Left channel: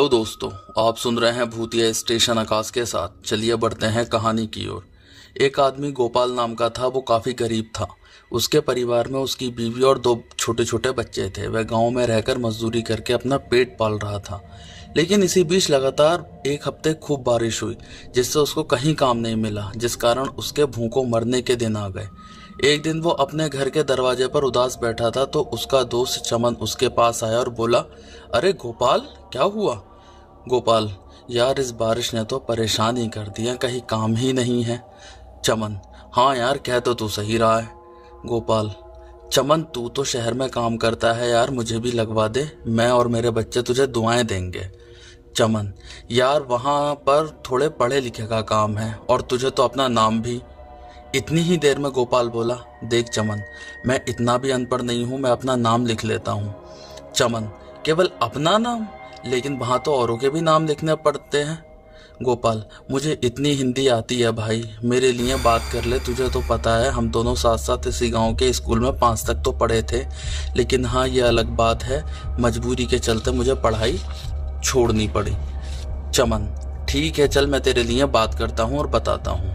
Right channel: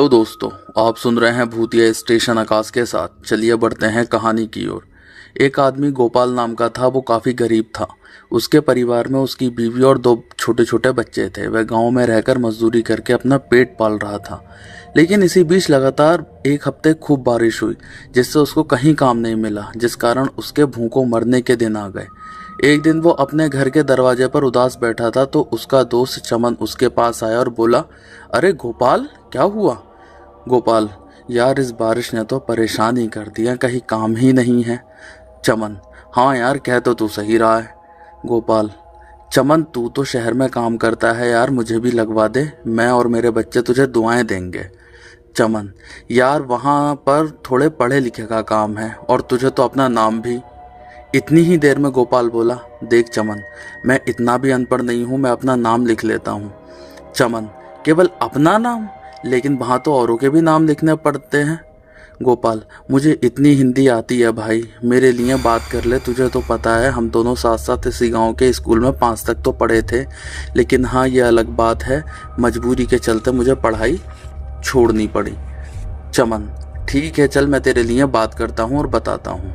Hello दोस्तों, आप सुन रहे हैं भूतिया स्टेशन आकाश के साथ। चलिए बढ़ते हैं कहानी की ओर। एक आदमी गोपाल नाम का था। वो काफ़ी गरीब था। उसके परिवार में उसकी बीवी और दो छोटे छोटे बच्चे थे। वह गांव में रहकर मजदूरी करके अपना पेट पाल रहा था। लेकिन इसी बीच लगातार एक हफ्ते खूब बारिश हुई, जिससे उसको कहीं काम नहीं मिला, जिस कारण उसके भूखों मरने के दिन आ गए। एक दिन वो अपने घर के दरवाजे पर उदास बैठा था तो उसका दोस्त चमन उसके पास आया और बोला, अरे गोपाल, क्या हुआ? गोपाल, यार इस बारिश ने तो परेशान ही कर दिया, कहीं काम ही नहीं है। चमन, हाँ यार, कह तो तू सही रहा है। गोपाल, चमन तू तो शहर में काम करता है यार, मुझे भी लगवा दे, मैं और मेरे बच्चे तुझे दुआएं देंगे। चमन, यार वहाँ पर थोड़े पढ़े लिखे का काम है और तुझे तो अपना नाम भी। इतनी ही देर में गोपाल बोला, देख चमन, मैं इतना भी अनपढ़ नहीं हूँ, मैं अपना नाम लिख लेता हूँ। चमन, केवल अपना नाम? लेकिन वहाँ तो औरों के भी नाम लिखने पड़ते हैं। गोपाल, मुझे इतनी हिंदी आती है भाई, मेरे लिए बात कर ले। तुझे तो पता है हम दोनों साथ साथ इसी गांव के स्कूल में 5 तक तो पढ़े थे। लेकिन हाँ, ये अलग बात है, मजबूरी के चलते मुझे पढ़ाई छोड़नी पड़ी। चमन, ठीक है, चल मैं तेरे लिए बात करता हूँ और बताता हूँ।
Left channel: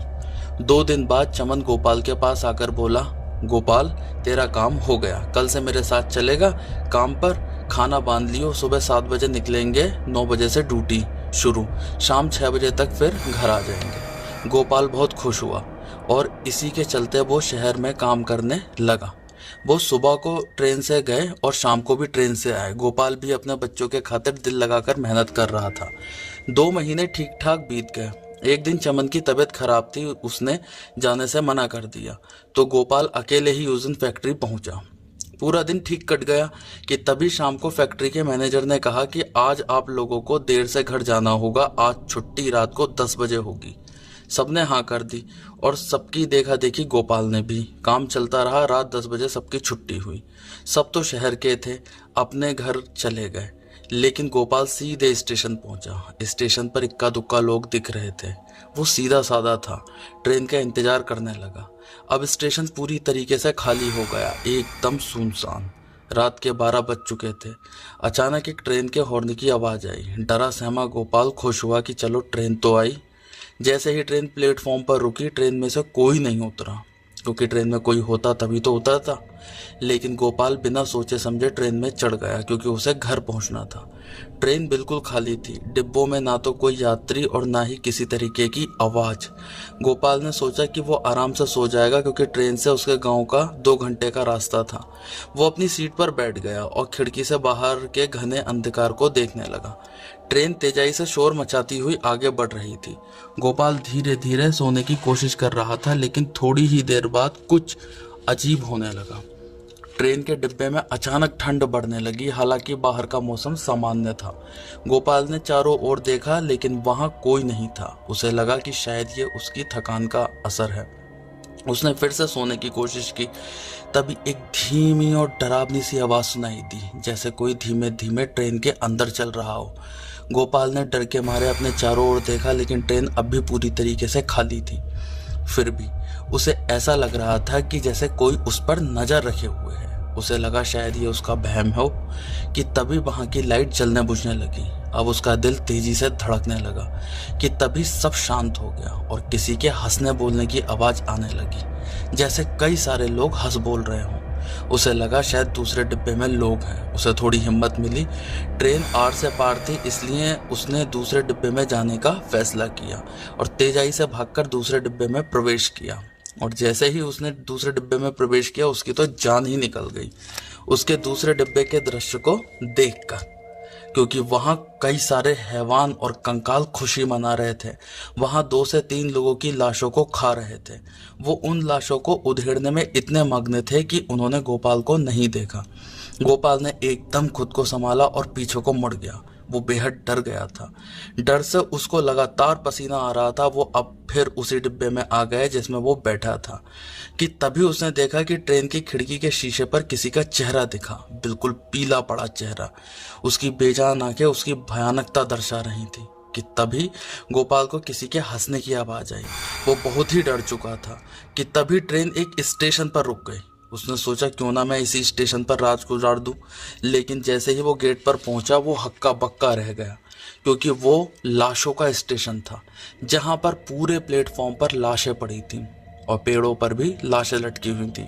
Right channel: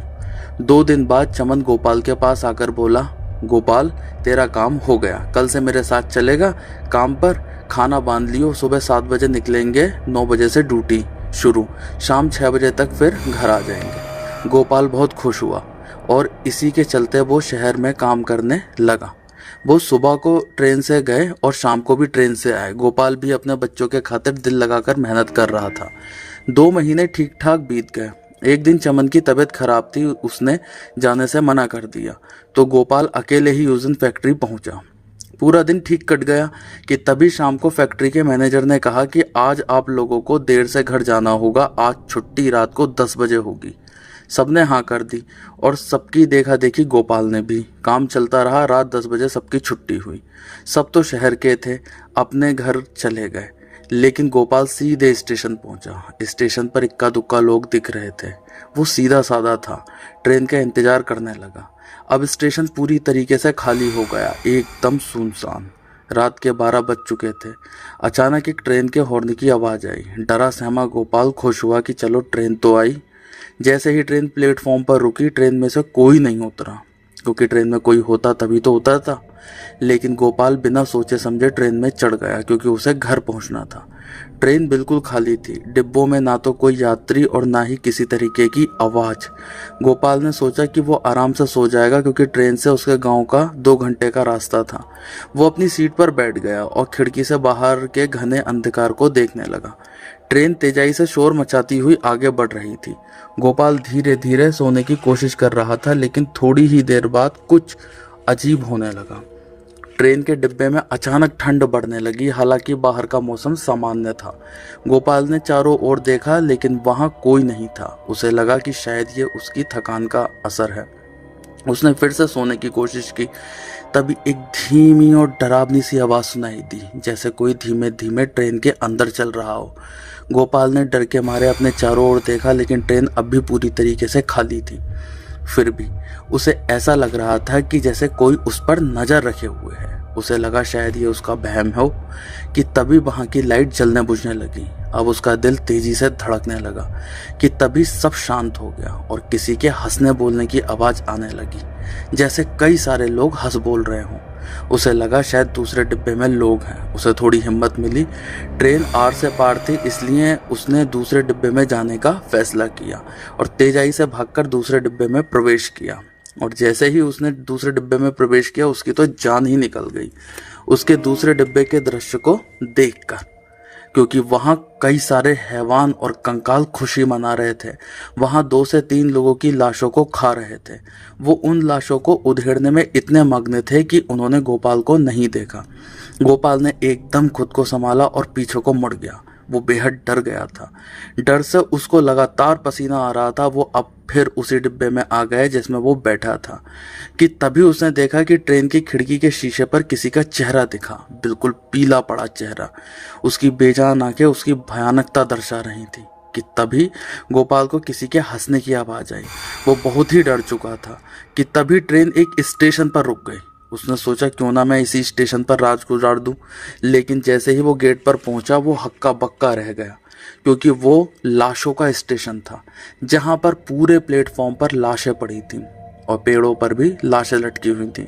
2 दिन बाद चमन गोपाल के पास आकर बोला, गोपाल, तेरा काम हो गया, कल से मेरे साथ चलेगा काम पर। खाना बांध लियो, सुबह 7 बजे निकलेंगे, 9 बजे से ड्यूटी शुरू, शाम 6 बजे तक फिर घर आ जाएंगे। गोपाल बहुत खुश हुआ और इसी के चलते वो शहर में काम करने लगा। वो सुबह को ट्रेन से गए और शाम को भी ट्रेन से आए। गोपाल भी अपने बच्चों के खातिर दिल लगाकर मेहनत कर रहा था। 2 महीने ठीक ठाक बीत गए। एक दिन चमन की तबीयत खराब थी, उसने जाने से मना कर दिया, तो गोपाल अकेले ही उस दिन फैक्ट्री पहुंचा। पूरा दिन ठीक कट गया कि तभी शाम को फैक्ट्री के मैनेजर ने कहा कि आज आप लोगों को देर से घर जाना होगा, आज छुट्टी रात को 10 बजे होगी। सबने हाँ कर दी और सबकी देखा देखी गोपाल ने भी। काम चलता रहा, रात 10 बजे सबकी छुट्टी हुई। सब तो शहर के थे, अपने घर चले गए। लेकिन गोपाल सीधे स्टेशन पहुंचा। स्टेशन पर इक्का दुक्का लोग दिख रहे थे। वो सीधा साधा था, ट्रेन का इंतजार करने लगा। अब स्टेशन पूरी तरीके से खाली हो गया, एकदम सुनसान। रात के 12 बज चुके थे। अचानक एक ट्रेन के हॉर्न की आवाज़ आई। डरा सहमा गोपाल खुश हुआ कि चलो ट्रेन तो आई। जैसे ही ट्रेन प्लेटफॉर्म पर रुकी, ट्रेन में से कोई नहीं उतरा, क्योंकि ट्रेन में कोई होता तभी तो उतरता। लेकिन गोपाल बिना सोचे समझे ट्रेन में चढ़ गया, क्योंकि उसे घर पहुंचना था। ट्रेन बिल्कुल खाली थी। डिब्बों में ना तो कोई यात्री और ना ही किसी तरीके की आवाज़। गोपाल ने सोचा कि वो आराम से सो जाएगा, क्योंकि ट्रेन से उसके गांव का 2 घंटे का रास्ता था। वो अपनी सीट पर बैठ गया और खिड़की से बाहर के घने अंधकार को देखने लगा। ट्रेन तेजाई से शोर मचाती हुई आगे बढ़ रही थी। गोपाल धीरे धीरे सोने की कोशिश कर रहा था, लेकिन थोड़ी ही देर बाद कुछ अजीब होने लगा। ट्रेन के डिब्बे में अचानक ठंड बढ़ने लगी, हालांकि बाहर का मौसम सामान्य था। गोपाल ने चारों ओर देखा, लेकिन वहां कोई नहीं था। उसे लगा कि शायद ये उसकी थकान का असर है। उसने फिर से सोने की कोशिश की। तभी एक धीमी और डरावनी सी आवाज़ सुनाई दी, जैसे कोई धीमे धीमे ट्रेन के अंदर चल रहा हो। गोपाल ने डर के मारे अपने चारों ओर देखा, लेकिन ट्रेन अब भी पूरी तरीके से खाली थी। फिर भी उसे ऐसा लग रहा था कि जैसे कोई उस पर नजर रखे हुए है। उसे लगा शायद ये उसका वहम हो कि तभी वहां की लाइट जलने बुझने लगी। अब उसका दिल तेजी से धड़कने लगा कि तभी सब शांत हो गया और किसी के हंसने बोलने की आवाज़ आने लगी, जैसे कई सारे लोग हंस बोल रहे हों। उसे लगा शायद दूसरे डिब्बे में लोग हैं। उसे थोड़ी हिम्मत मिली। ट्रेन आर से पार थी, इसलिए उसने दूसरे डिब्बे में जाने का फैसला किया और तेजाई से भागकर दूसरे डिब्बे में प्रवेश किया। और जैसे ही उसने दूसरे डिब्बे में प्रवेश किया, उसकी तो जान ही निकल गई उसके दूसरे डिब्बे के दृश्य को देखकर, क्योंकि वहां कई सारे हैवान और कंकाल खुशी मना रहे थे। वहां 2 से 3 लोगों की लाशों को खा रहे थे। वो उन लाशों को उधेड़ने में इतने मग्न थे कि उन्होंने गोपाल को नहीं देखा। गोपाल ने एकदम खुद को संभाला और पीछे को मुड़ गया। वो बेहद डर गया था। डर से उसको लगातार पसीना आ रहा था। वो अब फिर उसी डिब्बे में आ गए जिसमें वो बैठा था कि तभी उसने देखा कि ट्रेन की खिड़की के शीशे पर किसी का चेहरा दिखा, बिल्कुल पीला पड़ा चेहरा। उसकी बेजान आंखें उसकी भयानकता दर्शा रही थी कि तभी गोपाल को किसी के हंसने की आवाज़ आई। वो बहुत ही डर चुका था कि तभी ट्रेन एक स्टेशन पर रुक गई उसने सोचा क्यों ना मैं इसी स्टेशन पर रात गुजार दूं। लेकिन जैसे ही वो गेट पर पहुंचा वो हक्का बक्का रह गया, क्योंकि वो लाशों का स्टेशन था जहां पर पूरे प्लेटफॉर्म पर लाशें पड़ी थीं और पेड़ों पर भी लाशें लटकी हुई थीं।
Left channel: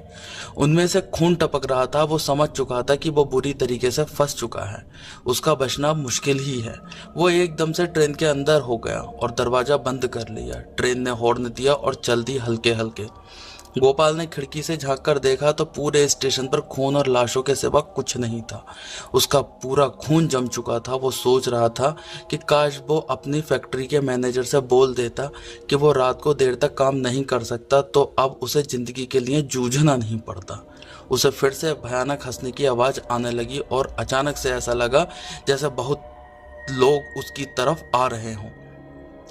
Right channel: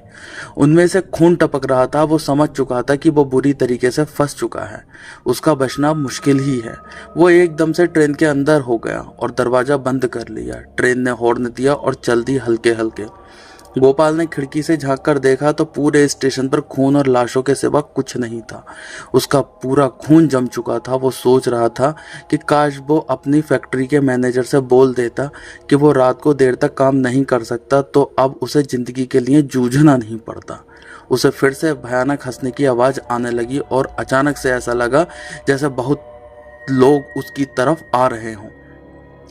उनमें से खून टपक रहा था। वो समझ चुका था कि वो बुरी तरीके से फंस चुका है, उसका बचना मुश्किल ही है। वो एकदम से ट्रेन के अंदर हो गया और दरवाज़ा बंद कर लिया। ट्रेन ने हॉर्न दिया और चल दी हल्के हल्के। गोपाल ने खिड़की से झांक कर देखा तो पूरे स्टेशन पर खून और लाशों के सिवा कुछ नहीं था। उसका पूरा खून जम चुका था। वो सोच रहा था कि काश वो अपनी फैक्ट्री के मैनेजर से बोल देता कि वो रात को देर तक काम नहीं कर सकता, तो अब उसे जिंदगी के लिए जूझना नहीं पड़ता। उसे फिर से भयानक हंसने की आवाज़ आने लगी और अचानक से ऐसा लगा जैसे बहुत लोग उसकी तरफ आ रहे हों।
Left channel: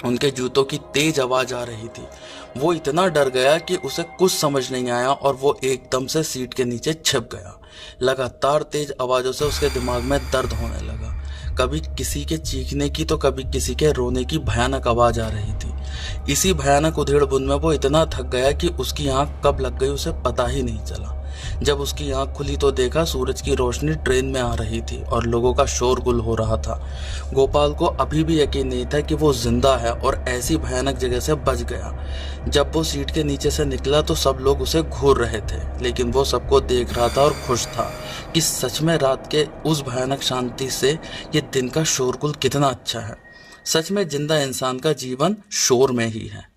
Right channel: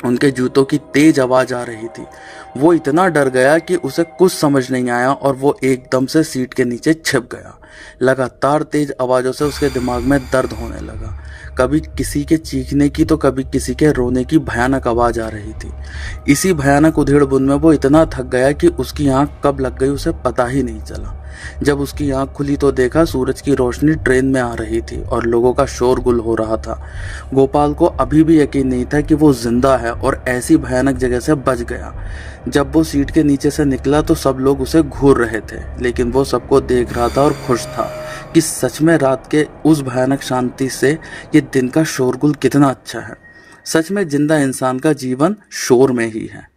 उनके जूतों की तेज आवाज आ रही थी। वो इतना डर गया कि उसे कुछ समझ नहीं आया और वो एकदम से सीट के नीचे छिप गया। लगातार तेज आवाजों से उसके दिमाग में दर्द होने लगा। कभी किसी के चीखने की तो कभी किसी के रोने की भयानक आवाज आ रही थी। इसी भयानक उधेड़-बुन में वो इतना थक गया कि उसकी आंख कब लग गई उसे पता ही नहीं चला। जब उसकी आंख खुली तो देखा सूरज की रोशनी ट्रेन में आ रही थी और लोगों का शोरगुल हो रहा था। गोपाल को अभी भी यकीन नहीं था कि वो जिंदा है और ऐसी भयानक जगह से बच गया। जब वो सीट के नीचे से निकला तो सब लोग उसे घूर रहे थे, लेकिन वो सबको देख रहा था और खुश था कि सच में रात के उस भयानक शांति से ये दिन का शोरगुल कितना अच्छा है। सच में जिंदा इंसान का जीवन शोर में ही है।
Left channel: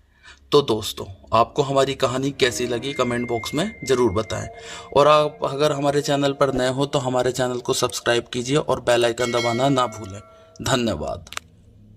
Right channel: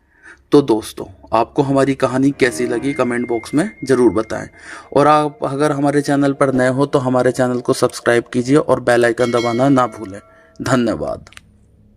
तो दोस्तों, आपको हमारी कहानी कैसी लगी कमेंट बॉक्स में ज़रूर बताएं। और आप अगर हमारे चैनल पर नए हो तो हमारे चैनल को सब्सक्राइब कीजिए और बेल आइकन दबाना ना भूलें। धन्यवाद।